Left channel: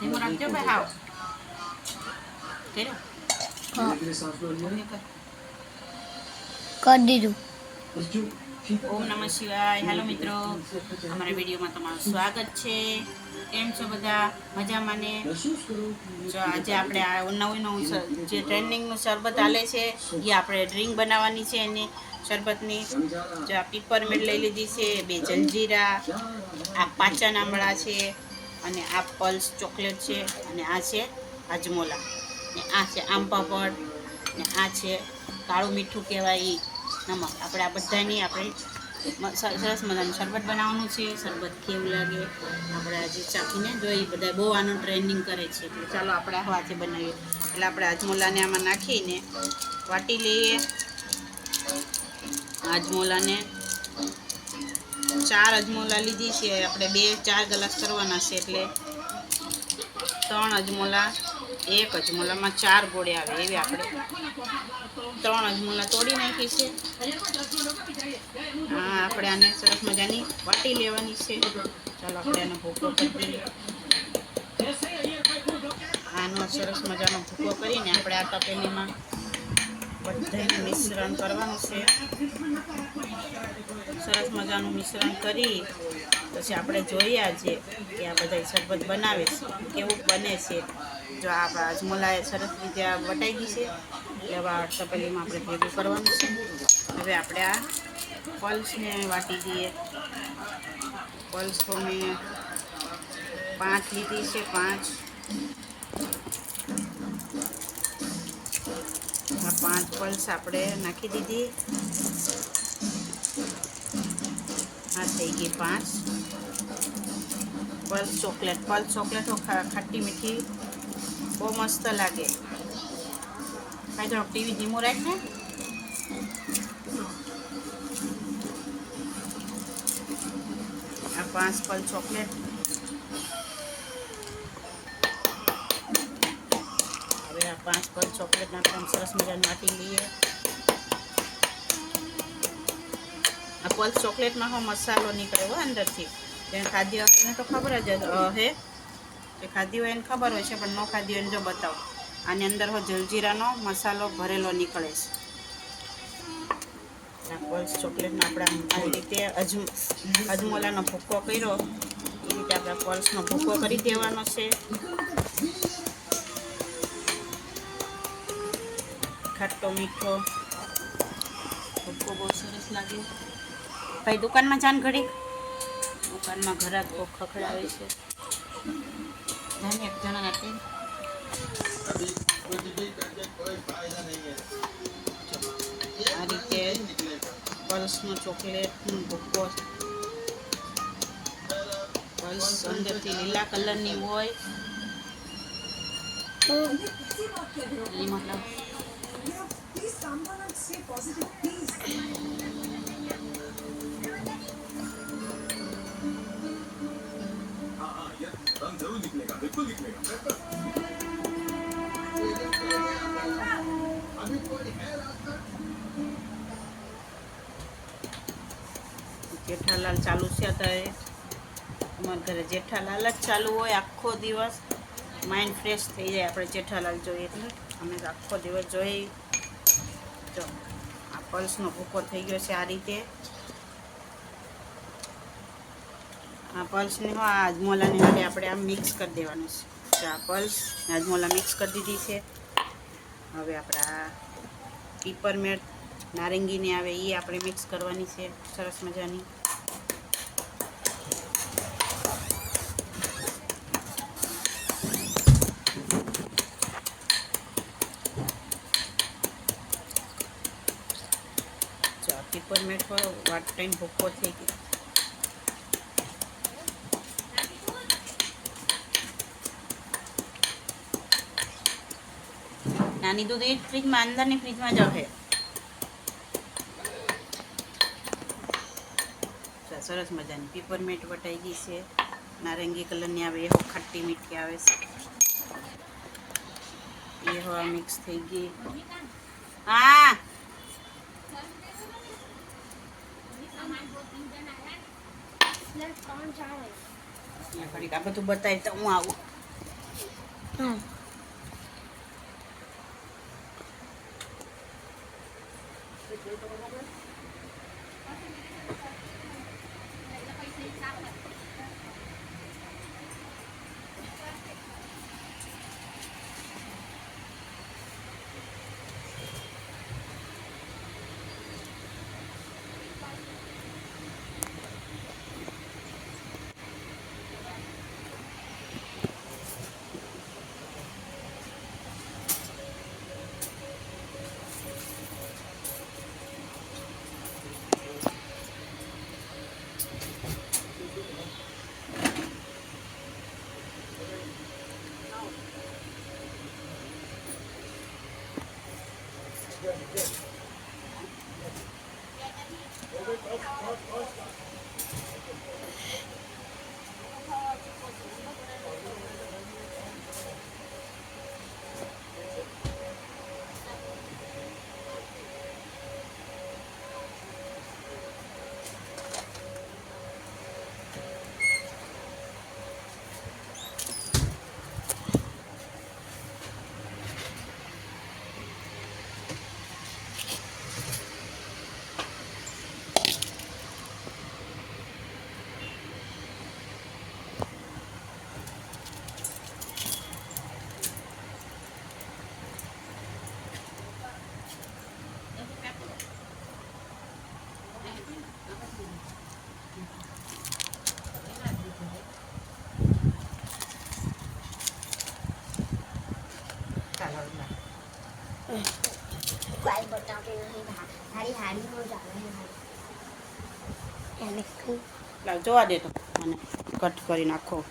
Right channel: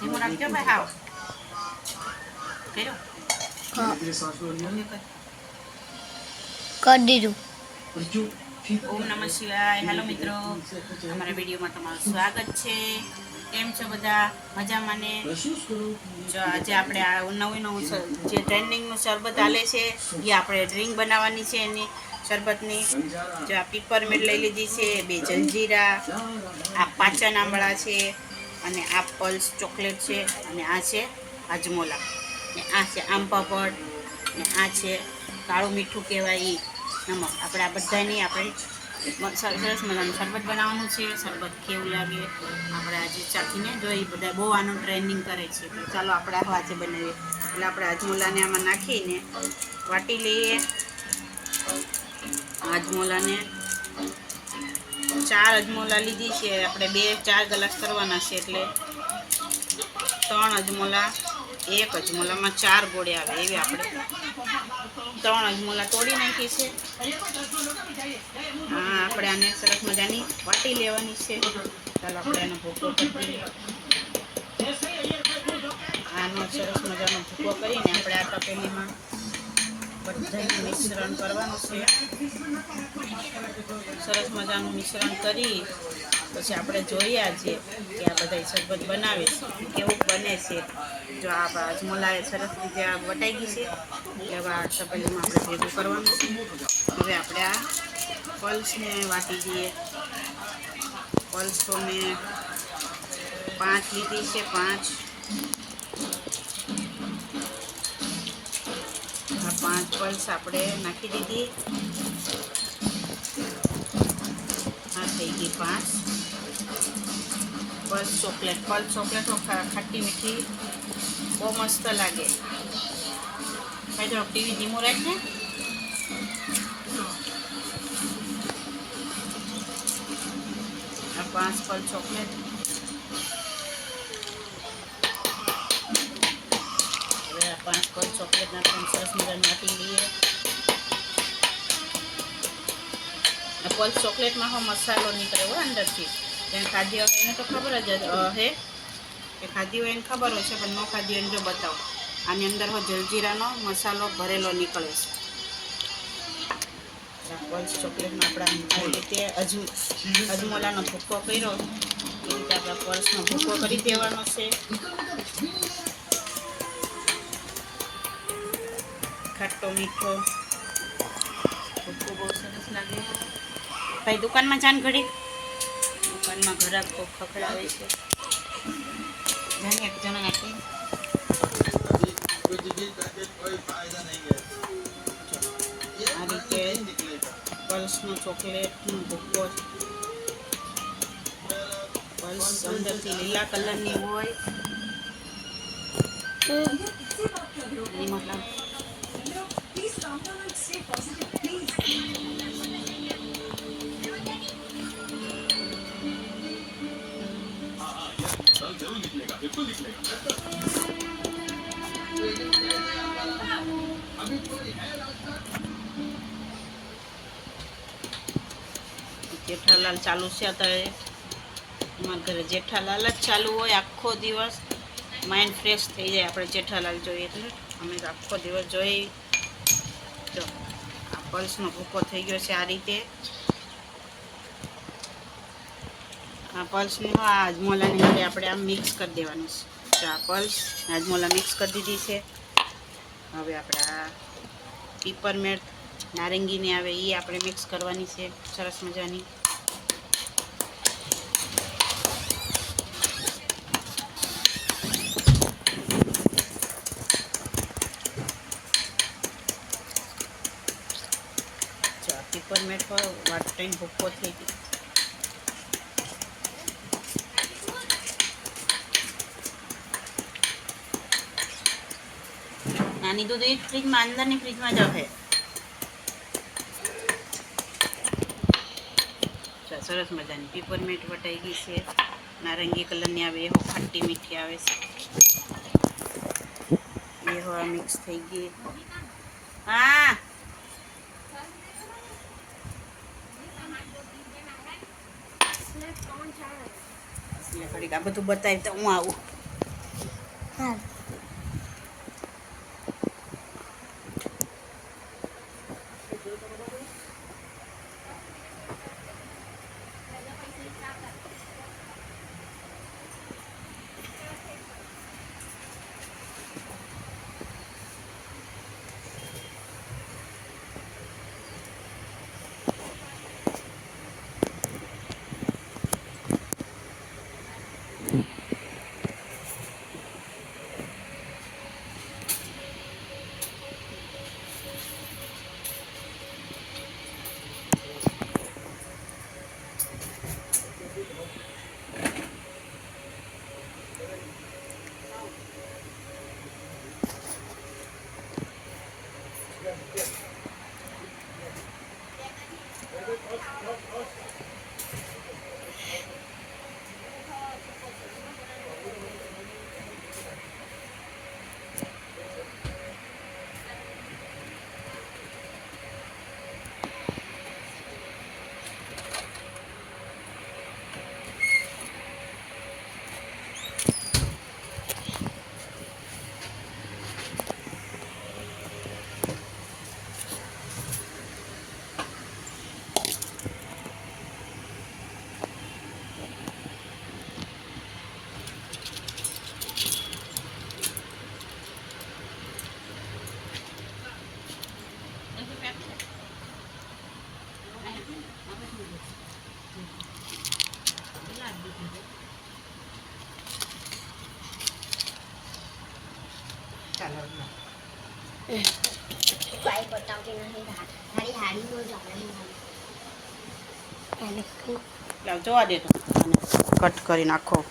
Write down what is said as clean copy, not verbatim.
ધીમો રાખજો ભાઈ હાવ કર્યો કરી દીધું. ઓમ નમઃ શિવાય. હેલો મિત્રો, અમારા વિડીયોમાં તમારું સ્વાગત છે. કેમ છો બધા? મજામાં ને? જો આજે આપણે આ નવું જે ટ્રેન્ડિંગનું શરબત હાલે છે એ આપણે ડ્રિંક બનાવવાની છે. એની શરબતની જો આ પીપરમેન્ટ લઈ લીધી છે, 2 જલજીરા, આ પાચન આંબળા છે, અને આ પલ્સ ચોકલેટ છે, અને આ છે હાજમોલા, ને આ છે આમ પાપડ, ને આ છે કાળું મીઠું કહેવાય એ નમક. આપણે આ બધાની આપણે સરસ મજાનું શરબત બનાવવાનું છે. શરબત કેવું લાગે આપણે આજે ચાખીને જોઈ. બધા બહુ આનું ટ્રેન્ડિંગ કરે છે, એટલે ચાલો આપણે આ વાતે બનાવીએ. એટલે આપણે હાજમોલાને આમાં નાખીને વાટી લઈએ. હાજમોલાને 4 હાજમોલા લીધી છે આપણે, 2-4 ગ્લાસ કરવાના છે, એટલે 3 હાજમોલા, 1 હાજમોલામાં 4 ગોળે આવે એવી આપણે 3 હાજમોલા તોડી નાખી છે. હા, આપણે આને સરસ મજાની વાટી લેવાની છે. ચાલો આપણે એનો ભૂકો કરી આનો સરસ મજાનો ભૂકો કરીને આપણે આ તપેલીમાં બધાનું મિશ્રણ કરવાનું છે. સરસ મજાનું મિશ્રણ કરી પછી આપણે જોઈએ આજે કે આ બધા શરબત બનાવે છે કેવું બને છે. જો આ હાજમોલા સરસ રીતે આ વટાઈ ગઈ છે, એટલે આ તપેલીમાં આપણે ભેગું કરવાનું છે. હવે આપણે આ પલ્સને વાટી દઈએ. પલ્સ તો મેં 5 લીધી છે, 5. આ 5 પલ્સ આપણે નાખી દીધી. આ થઈ ગઈ 5 પલ્સ ચોકલેટ. પલ્સ ચોકલેટ ખાટી મીઠી બહુ મસ્ત લાગે. ભાઈ થોડોક ટીવી ધીમો રાખ ને. આ 5 પલ્સ ચોકલેટ. હવે આ 5 પલ્સ ચોકલેટ નાખીને સરસ મજાનું વાટી લઈએ. આ પલ્સ ચોકલેટમાં હો મસાલો નીકળે હોય અંદરથી. જેને ખાધી હોય એને તો ખબર જ હે કે ખાધી હોય એને ખબર હોય છે, પણ ન ખાધી હોય એને જો બતાવો. આની અંદર હો જલજીરાનો મસાલો ભરેલો નીકળે છે. પલ્સ ચોકલેટમાં આપણે આવી રીતે હાજમોલાનો ભૂકો કર્યો એ રીતે આપણે પલ્સનો ભૂકો કરી દેવાનો છે. ખાટો મીઠો ભૂકો બહુ સરસ લાગે. ભાઈ દુકાનમાં જાન ઘડી, દુકાનમાં ઘરાક બહુ ખખડાવે છે. એક જણા આપી આ રીતે પલ્સનો ચોકલેટનો ભૂકો. પલ્સ અંદરથી લીલા કલરની હોય એ મતલબ જેઠાલાલ ચાલુ છે અત્યારે. અમારા ઘરે જેઠાલાલ જ ચાલુ હોય આખો દિવસ. માઇન્ડ ફ્રેશ થઈ જાય આપણે જેઠાલાલ જોઈએ એટલે. અમે આખો દિવસ જોઈ. જો આ પલ્સનો ભૂકો થઈ ગયો છે આ રીતે. આ પલ્સને આ હાજમોલાની જોડે આપણે આમ મિક્સ કરી દેવાનું છે. આ પલ્સ હાજમોલા મિક્સ કરી દીધી છે. હવે આપણે આ પીપરમેન્ટ નારંગીની આવે એ આપણે મિક્સ કરવાની છે સરસ મજાની. પીપરમેન્ટ વાટ ટાઈમ ભૂકો થઈ ગયો. નાની દૂધ એ ફ્રીજમાં, અંદરની ફ્રીજમાં જ હશે. સરસ મજાની પીપરમેન્ટ વટાઈ ગઈ છે. નારંગી કલરની આવે એ ખાટી મીઠી આવે છે. એ હવા મિક્સ થઈ ગઈ. હા ઘડીક આ બધું બતાવી તો હું આવું. હા ભાઈ બતાવતી નહીં તારી હાડીનો જાણે લાવ જોવા દે તો કટ કરી નાખો.